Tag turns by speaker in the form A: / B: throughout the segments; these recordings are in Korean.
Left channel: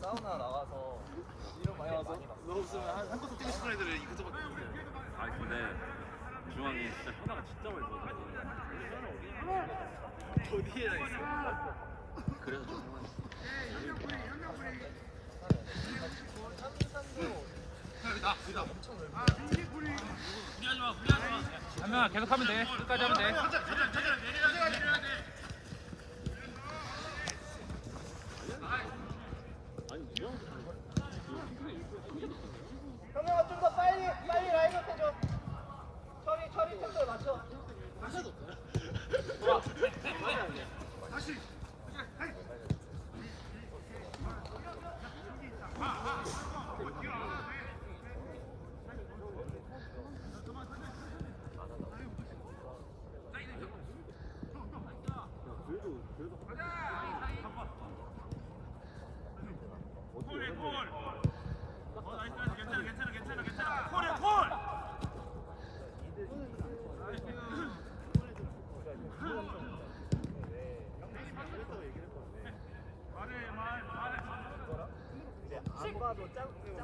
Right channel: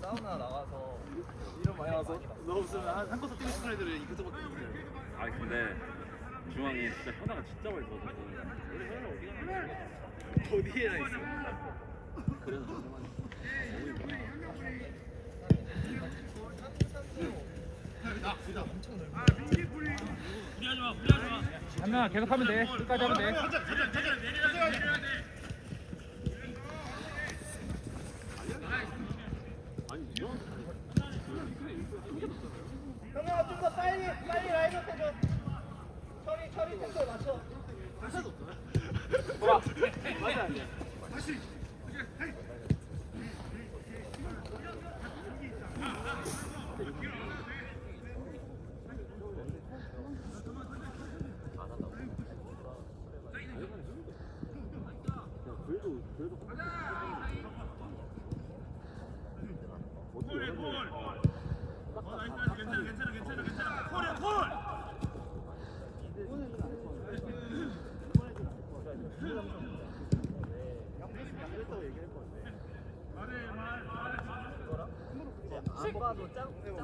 A: 사우나 나가서 이런 없으면 한, 한 번도 뛰고 싶은 애들은 이것저것
B: 아
A: 어디에나 있어 그래서
C: 한 명아 계속 하면 돼. 끝까지 하면 돼.
D: 형아 좀더 빨리 빨리 라인업 해줘. 처리 처리 템포 맞춰.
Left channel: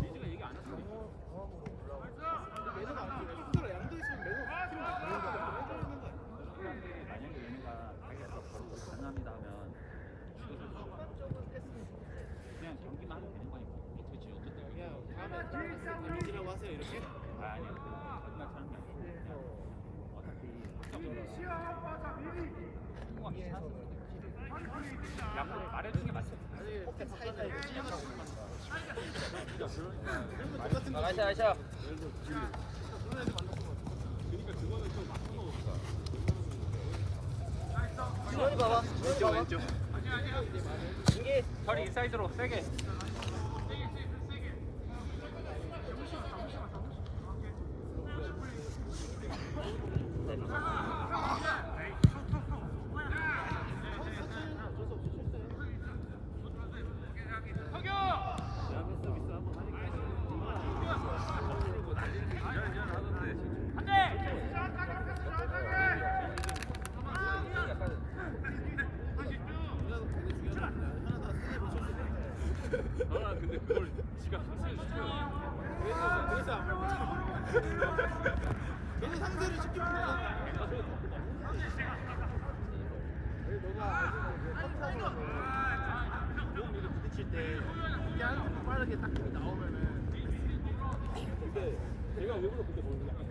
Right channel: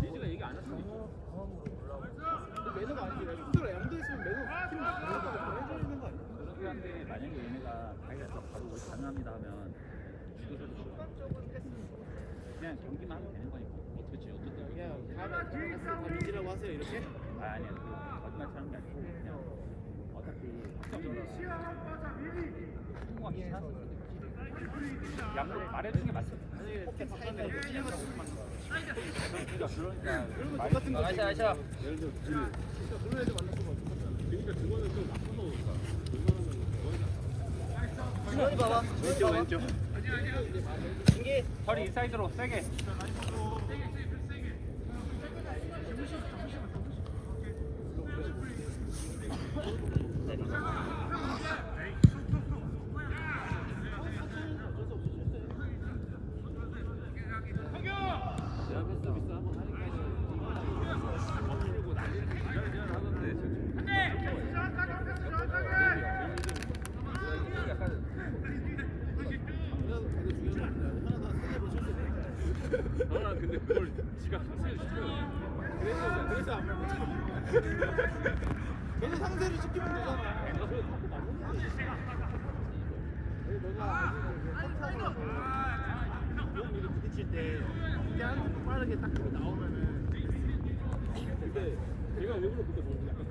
C: 민지가 얘기 안 했으면 있죠.
A: 매너가 아니지. 스스로 양도 있으면 매너 팀 해줘야? 되는 거 아니야?
C: 그런데 만약에 얘네가 가게에서 바로 우리 가능합니다 하면 그냥 경기만 하면 되는 거니까. 어떻게 지? 어떻게
A: 그냥 다음에 다 민지라고 하세요 이렇게?
C: 아 아니야 그 거짓말처럼 게 아니고 그냥 어차피 승부가 괜찮았어 양도 말해주는 게 맞지.
A: 똑같은 거
D: 아시아 아시아.
A: 그런 애들 만났으면 똑같잖아. 그러니까 그거는 좀 맞춰서
D: 빨리 봐봐.
A: 왼쪽 왼쪽.
D: 이게
C: 허리 인사이드로 세게
B: 현아 근데 그걸 지가 탑승 시켜요
A: 그래서 그래서 안 말고 걔네 상대를 시키면 되잖아 부딪힐 때 그냥 빠르게 딱 나오면은 근데
B: 제가 일부러 그때 보는 약간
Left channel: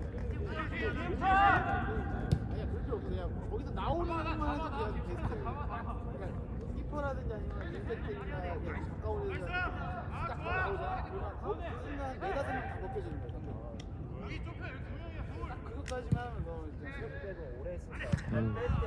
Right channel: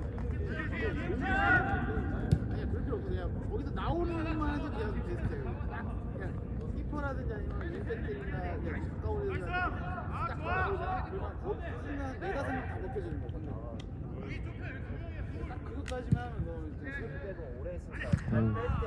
A: 아니야 그럴 필요 없어 그냥 거기서 나오는 것만 해도 그냥 베스트 그냥 키퍼라든지 아니면 윙백들이나 그냥 가까운 애들 딱 나오잖아 그러면 그 순간 네다섯 명다 벗겨지는 거야 상대가 딱 그것까지만 하면 너 이제 수업까지 오래 했으니까 뺄때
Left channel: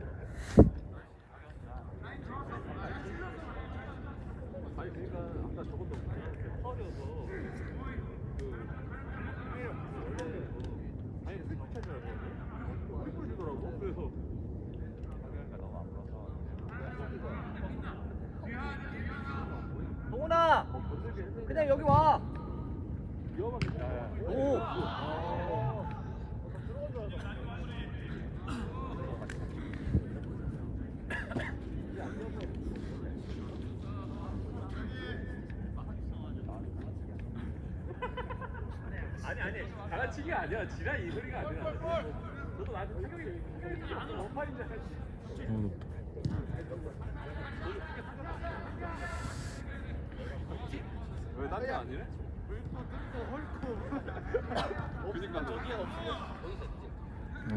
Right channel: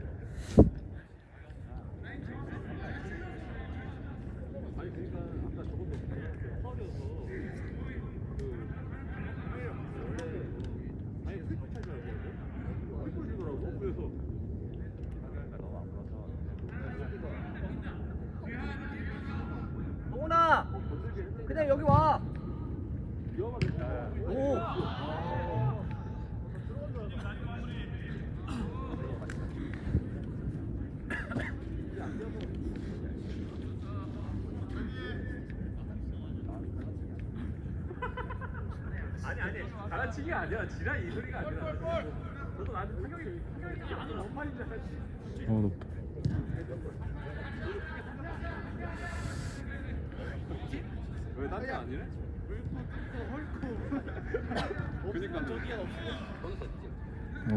B: 가르치기가 아니라 지랄 이 소리가 아니라. 너도 나한테 공격이 안은 엄마인데.
E: 어 높다
B: 왜 나한테 아니래? 그니까
E: 오.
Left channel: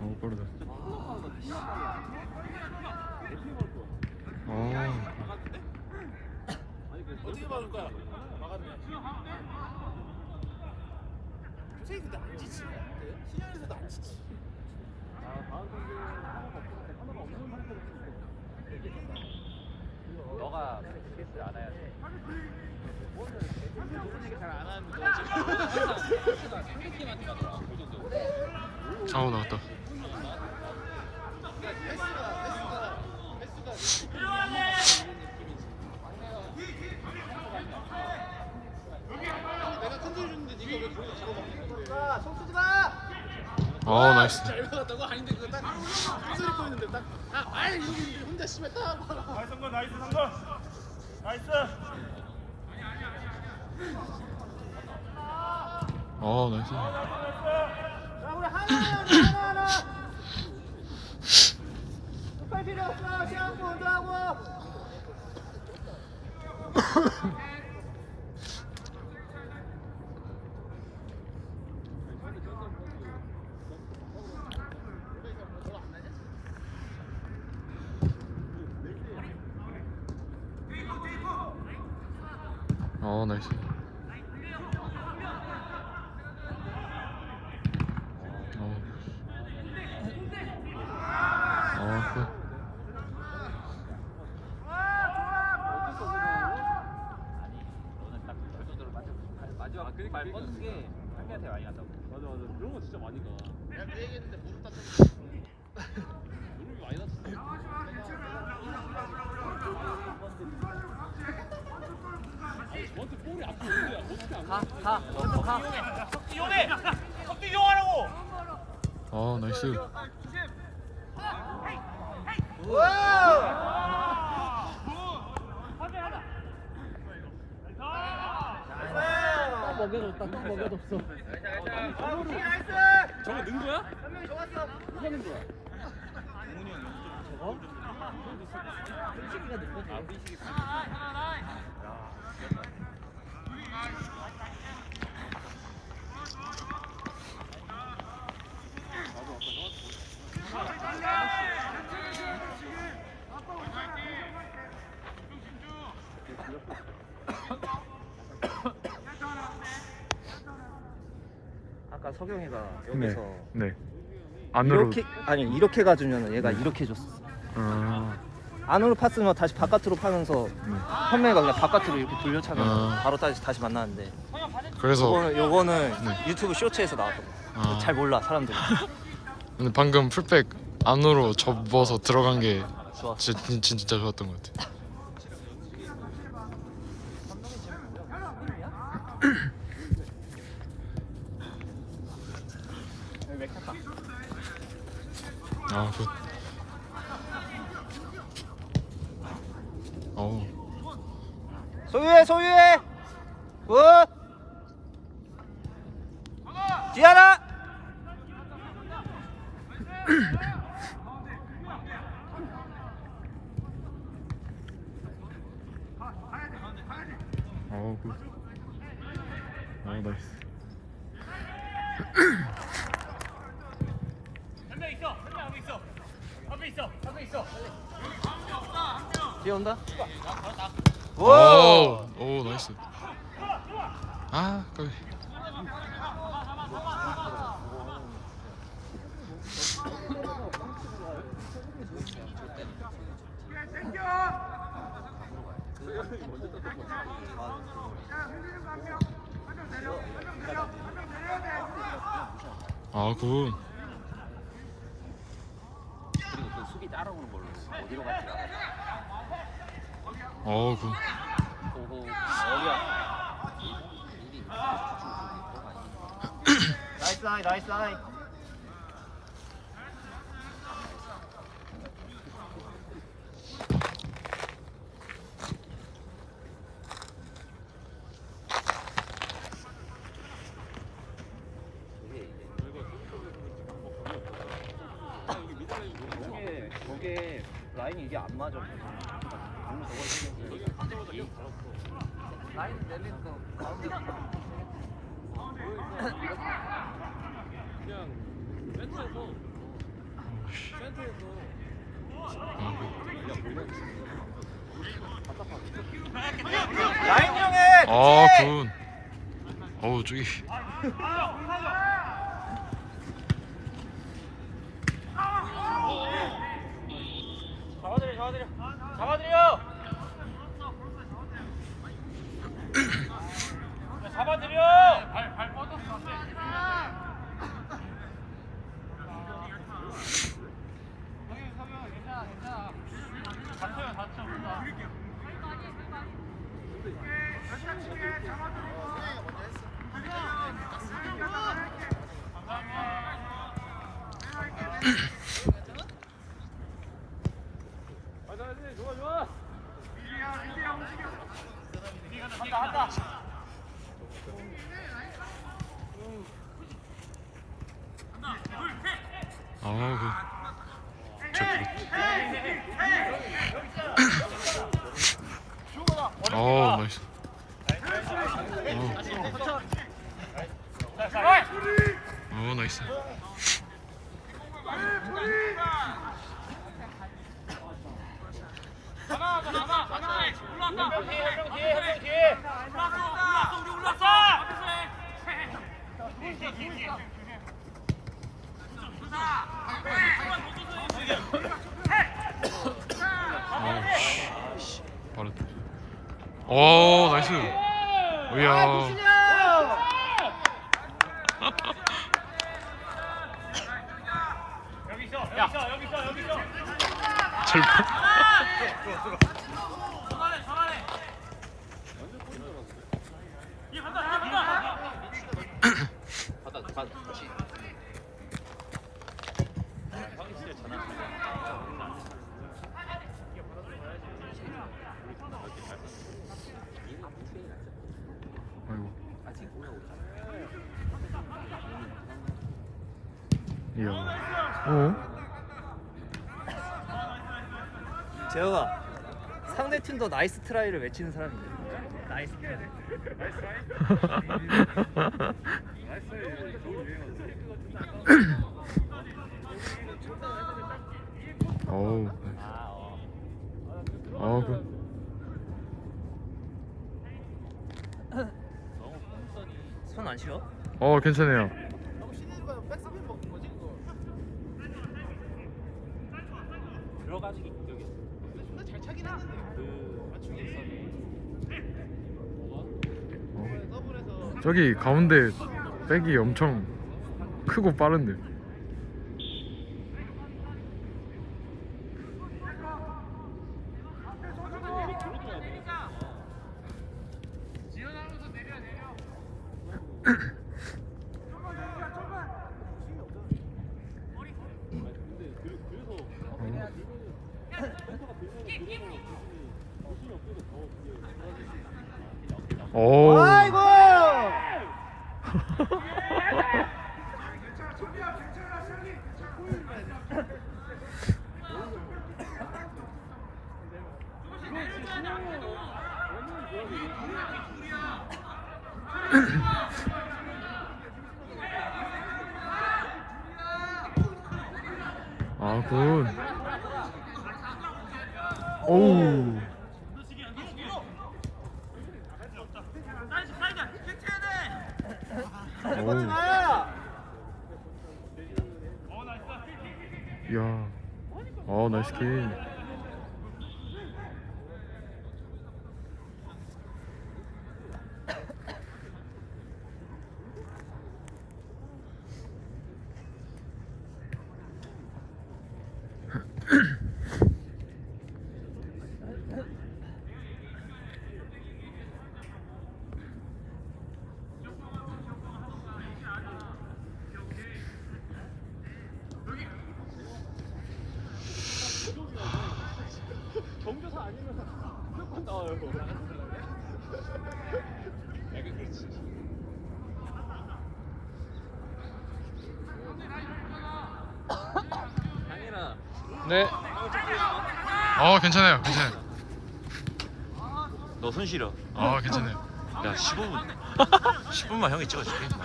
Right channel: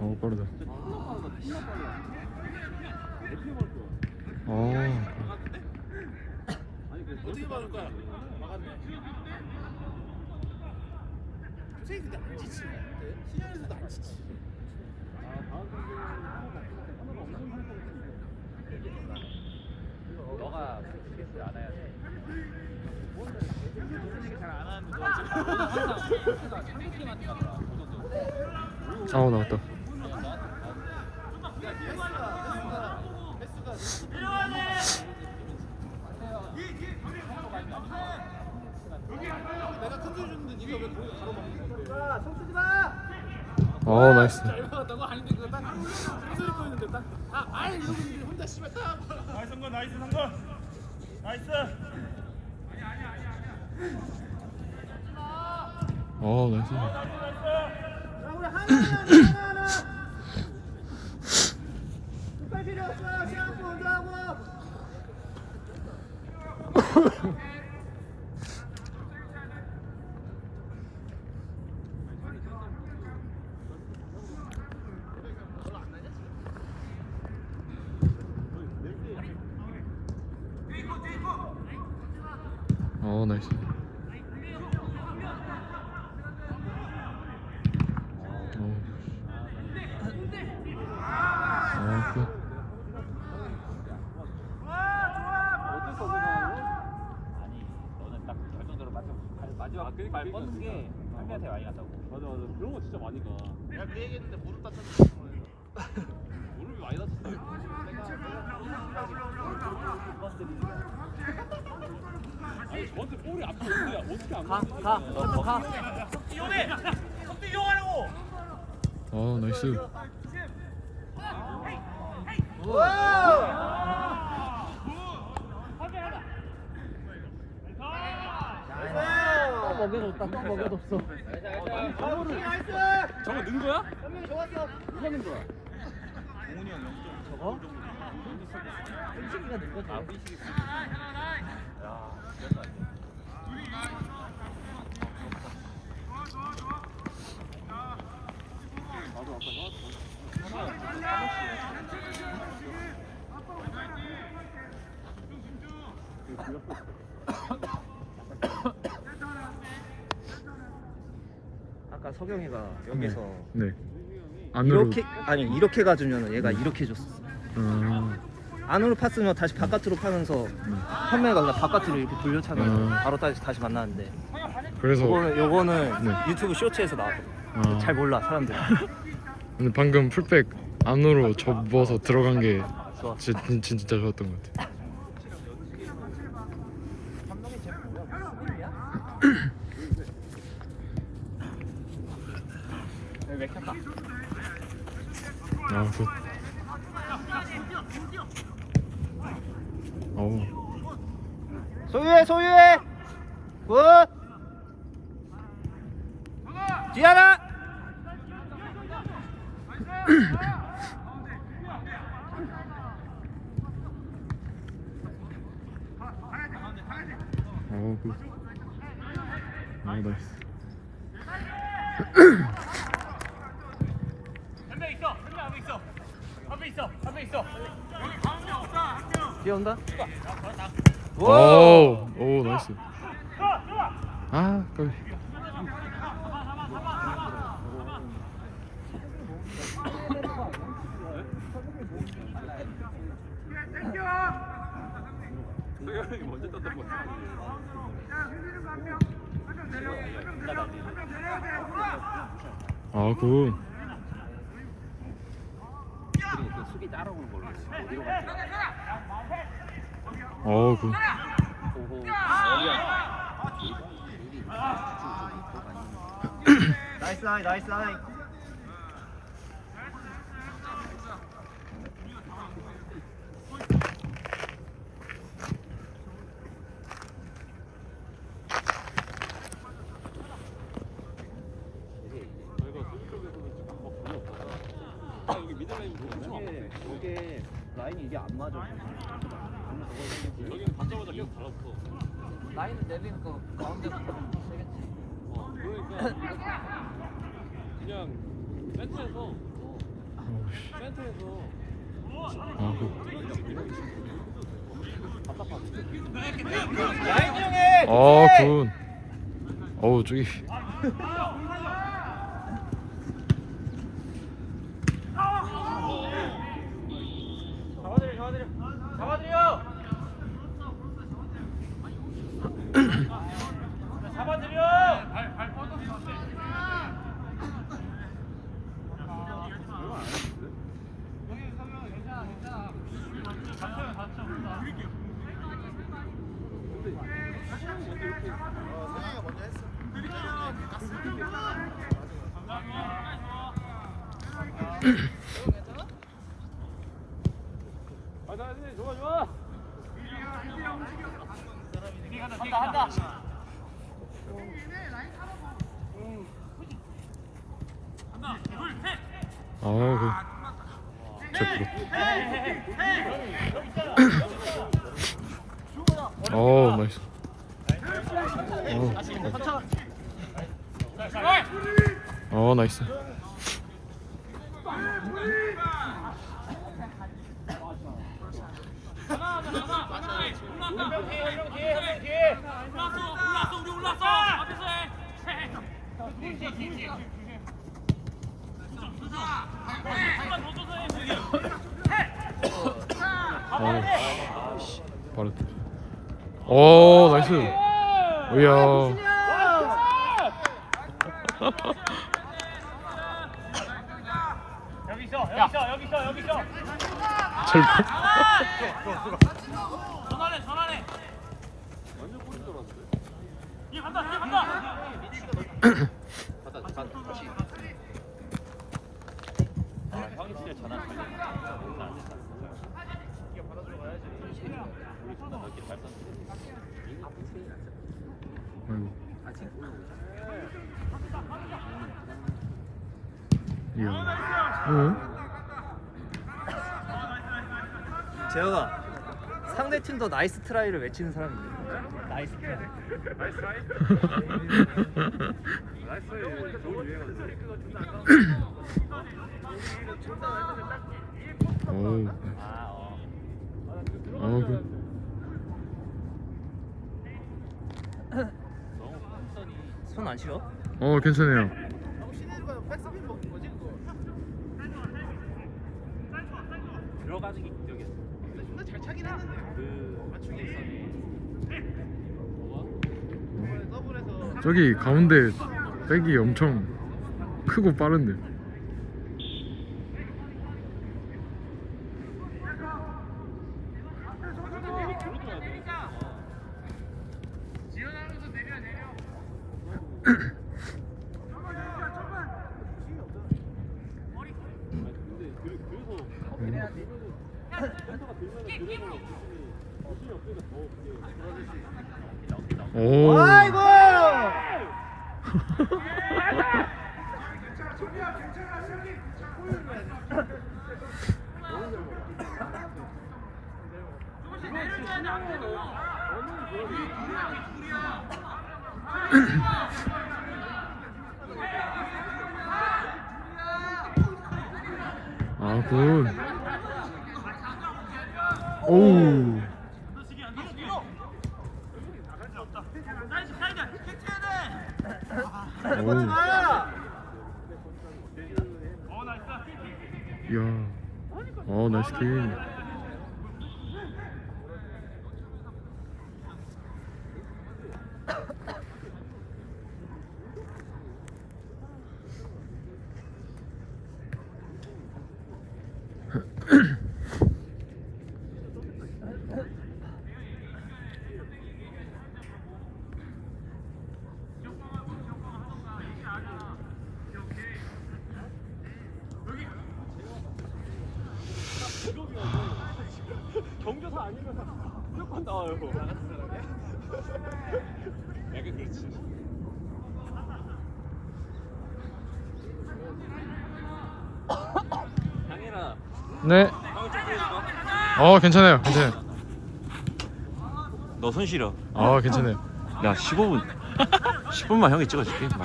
E: 오 빠르다 오
A: 어떻게 막을 거야? 막았네. 조세희 근데 안 지치네. 신현에서도 안 지치.
C: 너가 패스 안 해야 돼.
E: 아우 나왔다
D: 야, 손 쓰지 마.
E: 어 나이스.
D: 나이스 성건 나이스 성건. 나이스.
E: 어 나이스
D: 필요 없어. 시간 먼저 하고.
E: 어 나이스 어. 어, 그.
C: 너는 딱 결정적으로 마지막 마지막 말 뻗는 게 형님한테 많이 간다고.
B: 맞아 맞아 그런 거 진짜 많이 가.
E: 어 나이스
A: 또 먹여줬다. 또 먹여줬어.
B: 저거 는 거야?
A: 누가 낸 거야? 저거? 끈식이가 낸 거지.
D: 아까 석영이가
E: 네,
D: 여기서
E: 네 안으로
D: 이렇게 아니 이렇게 가주면 얘가 이렇게 줬어.
E: 아,
D: 안으로 팠으면 다시 바깥으로 파면서 현명이가 그냥 바깥으로 이렇게 돌려차면
E: 아.
D: 바로 다시 다시 만나는데
E: 그래서
D: 요거는, 요거는
E: 네.
D: 유튜브 쇼츠에서 나와.
E: 아,
D: 잘 몰라 사람들.
E: 근데 방금 풀백 안으로 접어서 들어간 게. 진짜, 진- 진짜 좋았던 것 같아 아, 굿. 어우,
D: 소유해 소유해. 굿. 지하나.
E: 어우, 굿. 어우, 나이스.
D: 뒤에 온다.
E: 오, 오, 나이스. 아, 까비.
B: 소영이 먼저 떴던 거.
E: 아, 굿.
C: 수비. 어,
E: 굿.
D: 나이스 라인 나이스 라인.
C: 맞아.
A: 라인 내리는 거 가운데.
E: 아, 군. 어우, 저기. 아, 그. 제 부럽다. 어, 나이스. 어, 어, 나이스. 오, 나이스. 오야. 잘 봐. 아이고. 이야. 어?
D: 재현아 팀도 나이스 트라이를 외치는 사람이 있는 나이스 트라이
E: 어우. 아, 그.
D: 손안 쉬어?
E: 어, 괜찮아요.
A: 백스핀 먹는 거지 그거.
C: 들어가는 게 기적이었어.
A: 근데 잘 차긴 했는데. 맞추기 더블에서
E: 저기 가운데 백이 엄청 크고 빠른데. 오. 아, 굿. 오우. 오우. 야. 어, 나이스 킬. 네. 어 괜찮아요 괜찮아요
B: 너 손실이요.
E: 아 괜찮아요
B: 야 15분 10분만 형이 찍어줄게. 나.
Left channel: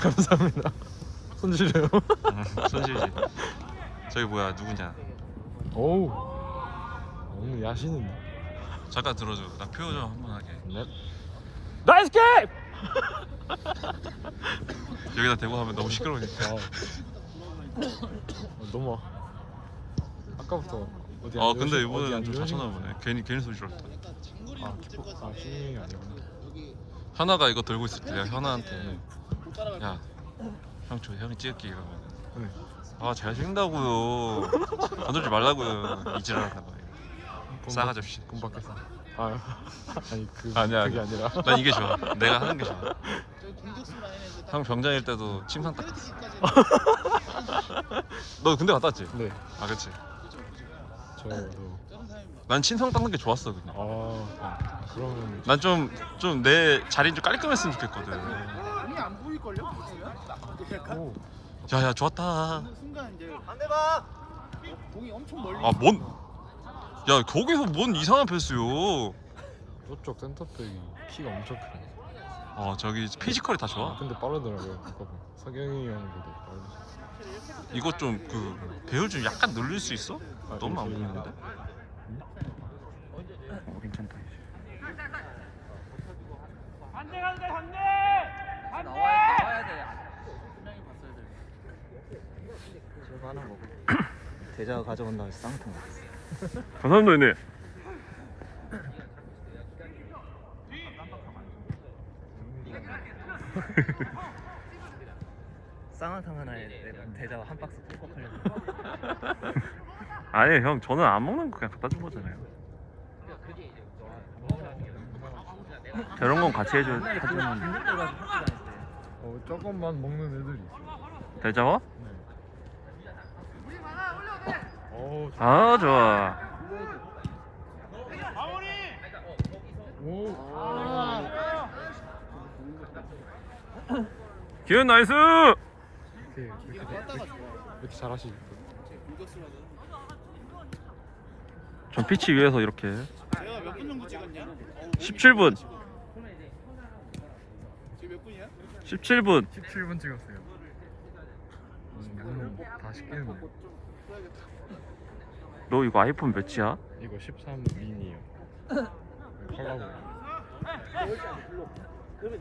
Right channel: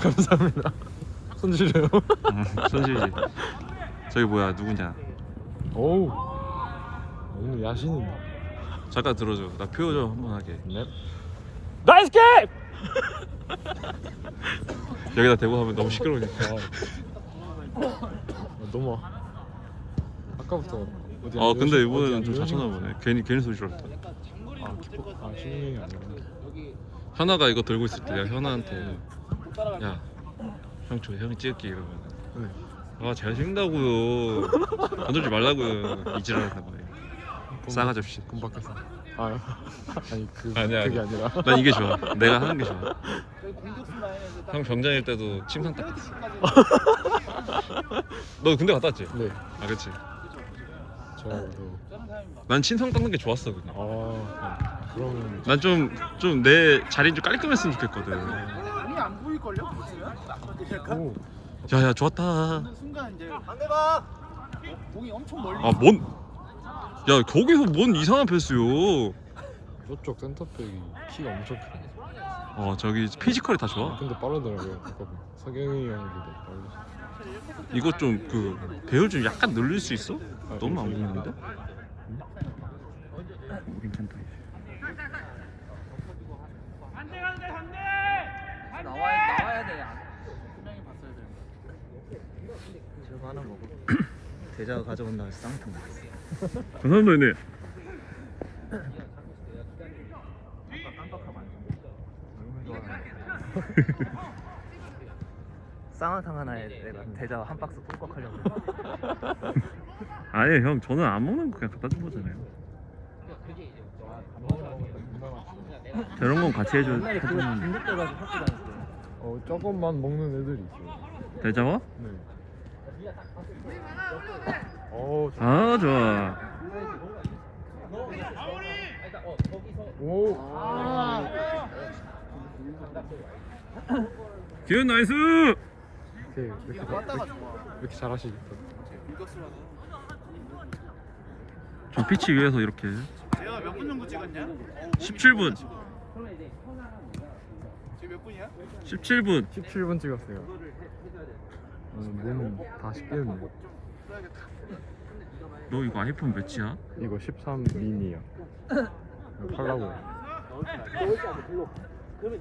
E: 손질해요
B: 응, 손실이지. 저기 뭐야 누구냐?
E: 오우 너무 야시는데
B: 잠깐 들어줘. 나표좀 한번 하게.
E: 네.
B: 나이스 게임. 여기다 대고 하면 너무 시끄러우니까.
E: 아, 너무 아까부터 어디
B: 아 근데
E: 어디
B: 이번에는 좀
E: 어디
B: 자천나 보네. 괜히 괜히 소리 질렀다.
E: 아, 신경이 안 나네.
B: 현아가 이거 들고 있을 때 내가 현아한테 야 형저 형이 찍을게 이러면
E: 네.
B: 아 잘생긴다고요 건들지 말라고요 이지랄하다가 싸가지 없이
E: 아 아니 그
B: 아니야,
E: 그게
B: 아니야.
E: 아니라
B: 난 이게 좋아 내가 하는 게 좋아
A: 라인에서
B: 형 병장일 때도 침상 닦았어 너 군대 갔다 왔지? 네아
E: 네.
B: 난 침상 닦는 게 좋았어 그냥.
E: 아 그러면
B: 난좀 좀 내 자리 좀 깔끔했으면 좋겠거든.
A: 공이 안 보일걸요?
E: 오
B: 야야 좋았다.
A: 어느 순간 이제 반대가 공이 엄청 멀리
B: 아뭔야 거기서 뭔 이상한 패스요?
E: 저쪽 센터백이 키가 엄청 크네.
B: 어 저기 피지컬이 다 좋아?
E: 근데 빠르더라고요 그거는. 석영이 빠르시
B: 이거 좀 그 배율 좀 약간 늘릴 수 있어? 너무 안 보이는데? 어, 괜찮다.
C: 대자가 가져온다고 해서 쌍탕
B: 감사합니다 형님.
C: 쌍화탕 하나에 대자 한 박스 톡톡 하려고.
B: 아니 형 저는 안 먹는 거 그냥 갖다 준 거잖아요. 저런 건 같이 해줘 해주면
E: 어 조금만 먹는 애들이 있어요
B: 대자와?
E: 네. 어,
B: 아 좋아.
E: 오.
B: 기운 나이스
E: 이렇게 이렇게
A: 떴다가 좋아
E: 이렇게 잘하시니까
A: 공격수라서
B: 저 피치 위에서 이렇게
A: 제가 몇 분 정도 찍었냐?
B: 17분
A: 지금 몇 분이야?
B: 17분
E: 17분 찍었어요 음, 몸다 씻겠네
B: 너 이거 아이폰 몇이야?
E: 이거 13 미니요 팔라고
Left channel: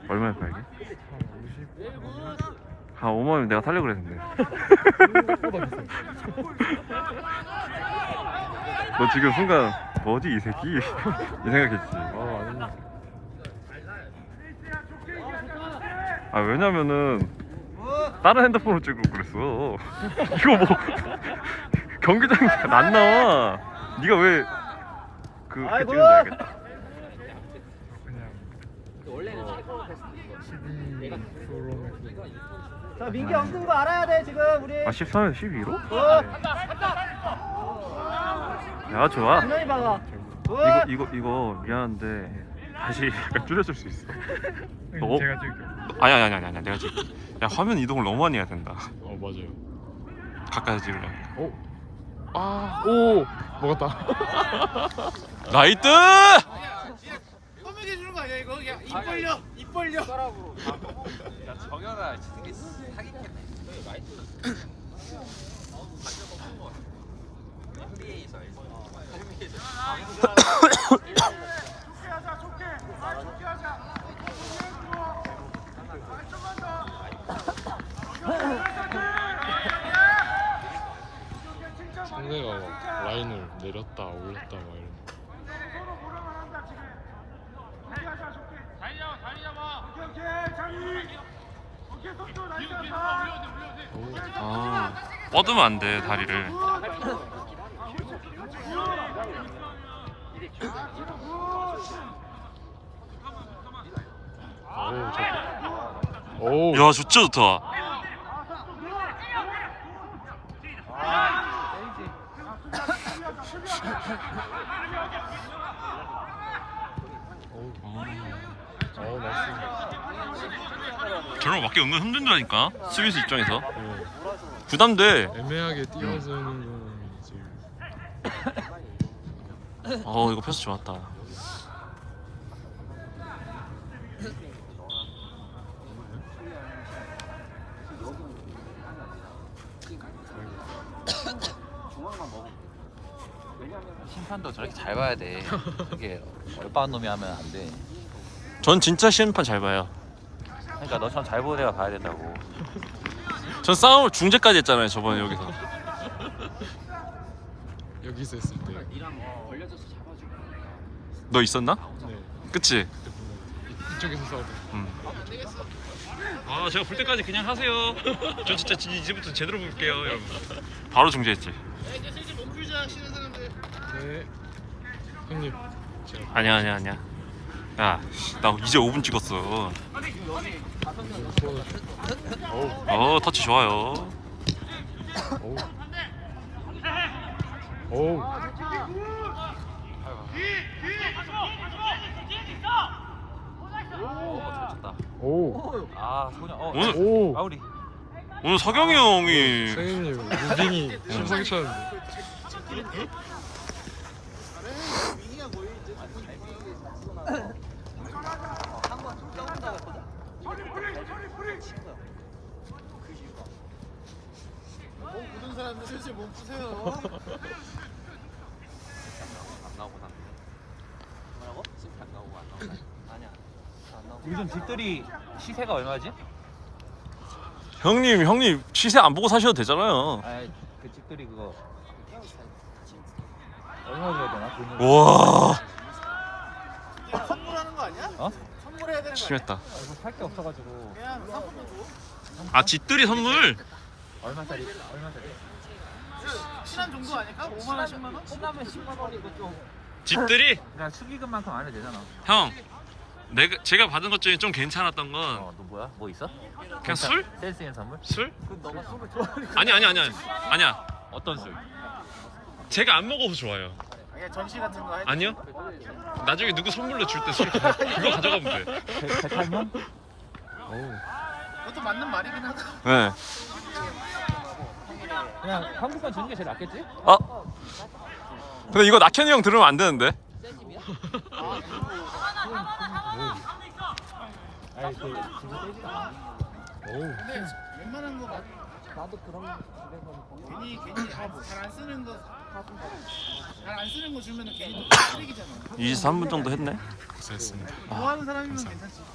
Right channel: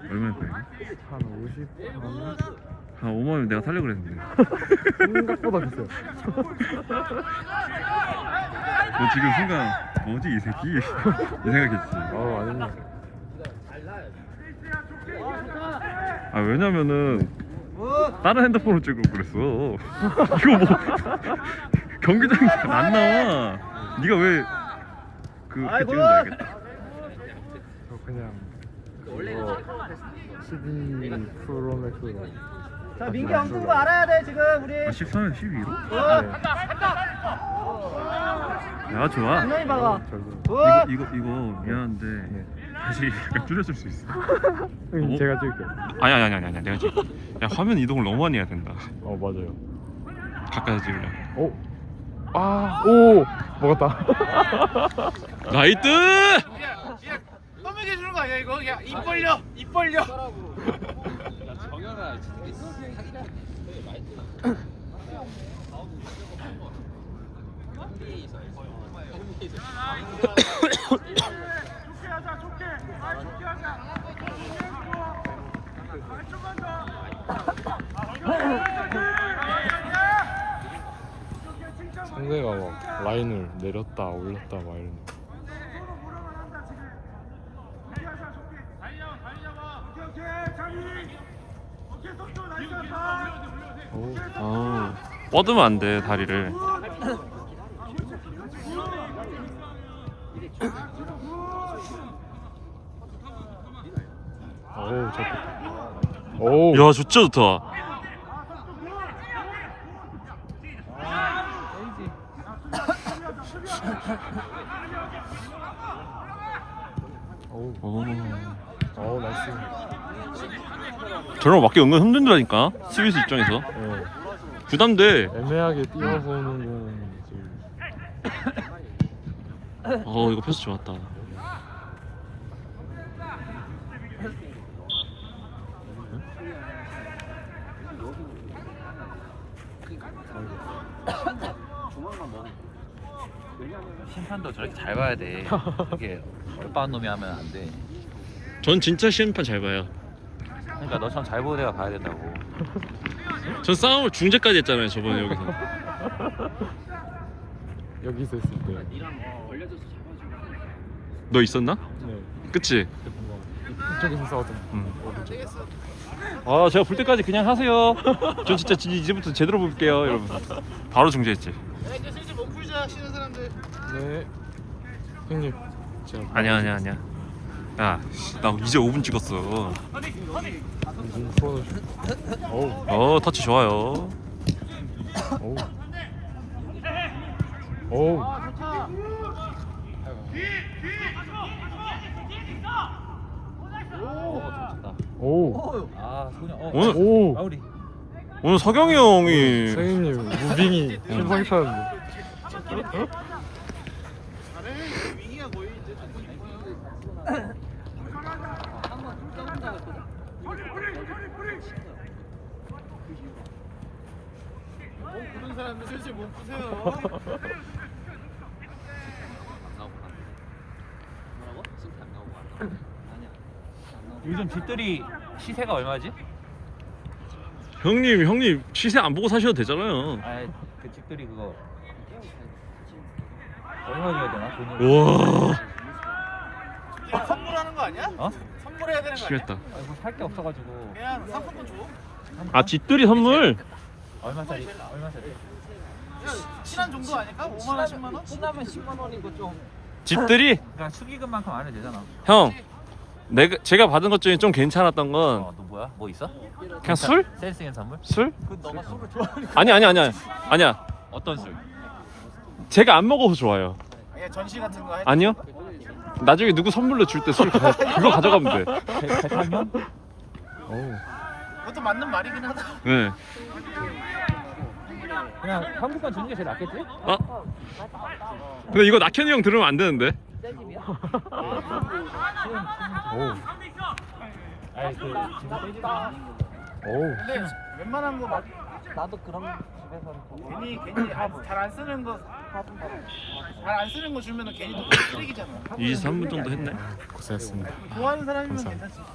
B: 얼마에 팔게?
E: 한 50?
B: 한 5만원 내가 살려고 그랬는데.
E: 생각보다 비싸요.
B: 너 지금 순간 뭐지 이 새끼? 이 생각했지.
E: 어 아닙니다
B: 아 왜냐면은 다른 핸드폰으로 찍고 그랬어. 이거 뭐 경기장이 안 나와. 네가 왜 그, 그 찍은지 알겠다.
E: 저 그냥 어, 12 프로맥스
D: 자 민기 엉뚱 거 알아야 돼 지금 우리.
B: 아 13에서 12로? 굿야 좋아.
D: 분명히 박아.
B: 이거 이거 이거 미안한데 다시 약간 줄여줄 수 있어? 어?
E: 제가 찍을게요
B: 아니 아니 아니 아니 내가 지금 야 화면 이동을 너무 많이 해야 된다.
E: 어 맞아요.
B: 가까이 찍을래.
E: 오! 아! 오! 먹었다.
B: 나이트
A: 떠먹여 주는 거 아니야 이거? 야입 벌려 입 벌려
E: 상대가 막 라인을 내렸다 올렸다 막 이런 거
B: 어 뻗으면 안 돼 다리를
E: 저...
B: 야 좋죠 좋다
E: 오,
B: 어.
E: 나이스.
B: 저런 거 맞기 은근 힘들다니까 수비수 입장에서
E: 네.
B: 부담돼
E: 애매하게 뛰어서 오는 건 지금
B: 어 이거 패스 좋았다.
C: 심판도 저렇게 잘 봐야 돼. 되게 얼빠한 놈이 하면 안 돼.
B: 전 진짜 심판 잘 봐요.
C: 그러니까 너처럼 잘 보는 애가 봐야 된다고.
B: 전 싸움을 중재까지 했잖아요 저번에 여기서.
E: 여기서 했을 때.
B: 너 있었나?
E: 네.
B: 그치?
E: 그때 본거 이쪽에서 싸웠던.
B: 응. 아 제가 볼 때까지 그냥 하세요. 전 진짜 지- 이제부터 제대로 볼게요 이러면서 바로 중재했지.
E: 네. 형님. 제가
B: 아니야 아니야 아니야. 야, 나 이제 5분 찍었어. 어 터치 좋아요.
E: 오. 오. 오.
C: 아 소녀. 어.
B: 오늘
E: 오.
C: 아우리.
B: 오늘 서경이 형이
E: 선생님 무빙이 심상치
C: 요즘 뒷들이 시세가 얼마지?
B: 형님 형님 시세 안 보고 사셔도 되잖아요.
C: 그 뒷들이 그거. 되나? 돈을.
B: 와
A: 선물하는 거 아니야?
C: 어?
A: 선물해야 되는 거?
B: 심했다.
C: 살게 없어가지고.
A: 그냥 상품권 줘.
B: 아 집들이 선물.
C: 얼마짜리? 얼마짜리?
A: 친한 정도 아닐까? 5만 원, 10만 원?
D: 끝나면 10만 원이고 좀.
B: 집들이
C: 그냥 축의금만큼 안 해도 되잖아.
B: 형 내가 제가 받은 것 중에 좀 괜찮았던 건
C: 어, 너 뭐야? 뭐 있어?
B: 그냥 술?
C: 센스 있는 선물?
B: 술?
D: 그 너가 술을 좋아하는
B: 아니 아니 아니야 아니야.
C: 어떤 술?
B: 제가 안 먹어서 좋아요.
A: 그냥 전시 같은 거 해.
B: 아니요. 나중에 누구 선물로 줄 때 술 그거 가져가면 돼.
C: 대탕면?
A: 그것도 맞는 말이긴 하다.
B: 네.
C: 그냥 한국판 주는 게 제일 낫겠지?
B: 아. 근데 이거 낙현이 형 들으면 안 되는데.
E: 오.
A: 근데 웬만한 거 막,
D: 나도 그런 집에서는 보고.
A: 괜히 괜히 잘 안 쓰는 거 잘 안 쓰는 거 주면은 괜히 또 쓰레기잖아.
B: 23분 정도 했네.
E: 고생했습니다.
A: 좋아하는 사람이면
E: 감사합니다.
A: 괜찮지.